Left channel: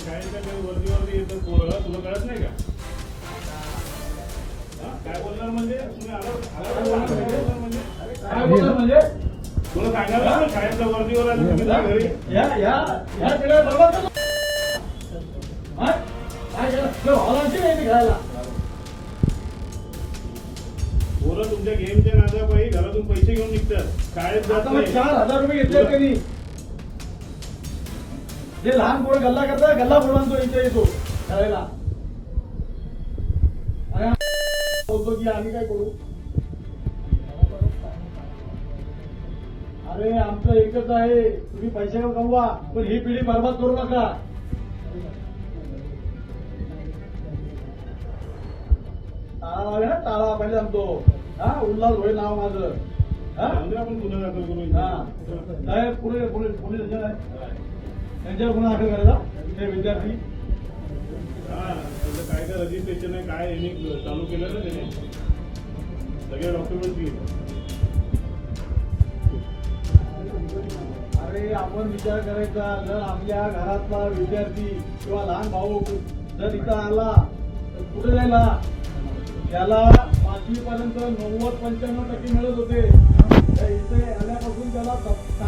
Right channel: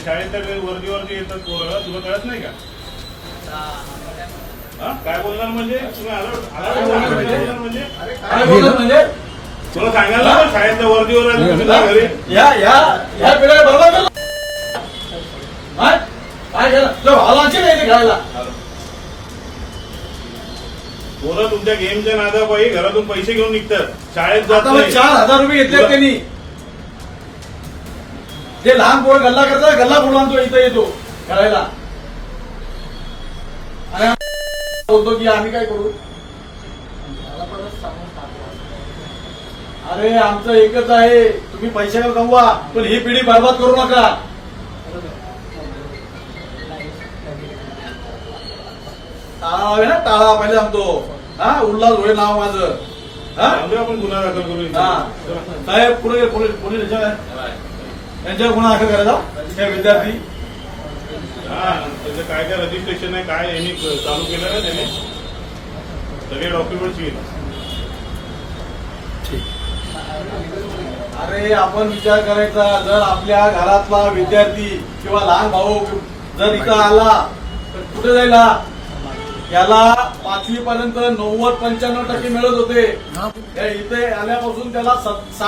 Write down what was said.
शाळेच्या वर्दीवरती येतात पोरं, तुला कळत नाही का? काय बोलणार म्हणजे तुला सांगायला ना शाळेच्या वर्दीवर घरी पोरं तुमच्या गेमच्या नादापायी घरातून पैसे घेऊन निघतात, शाळेत जात नाही. 4,000 रुपये घेतले त्यांनी. जे लहान पोर गल्ला करतात, गल्ला पोरांतो इथे येतो खेळायला आणि बोलतो की आम्ही काय करू. अरे आमचं एकच आहे, तुम्ही पैशावर कमवा पण ही पिढी बरबाद करू नका. टाळा आहे ना, टाळा पहिले सांगतो. हा, उल्हास होय नाव माझं. आपण गुन्हा दाखल करू. साहेब पुढे पोलीस त्यांच्यावर गुन्हा दाखल करायचा. हे विद्यार्थी त्याचं काय काय रजिस्ट्रेशन आहे काय यांनी चालू केलं ना, त्याने सगळे डॉक्युमेंट्स घेईल. अरे आपण विचार करायचा, जर आपल्या घरातला विद्यार्थी किंवा लहान भाऊ जर इथं आला तर कुठे जायला. याला 5वी पर्यंत 90-95% मिळत होते. इथे आल्यापासून त्याला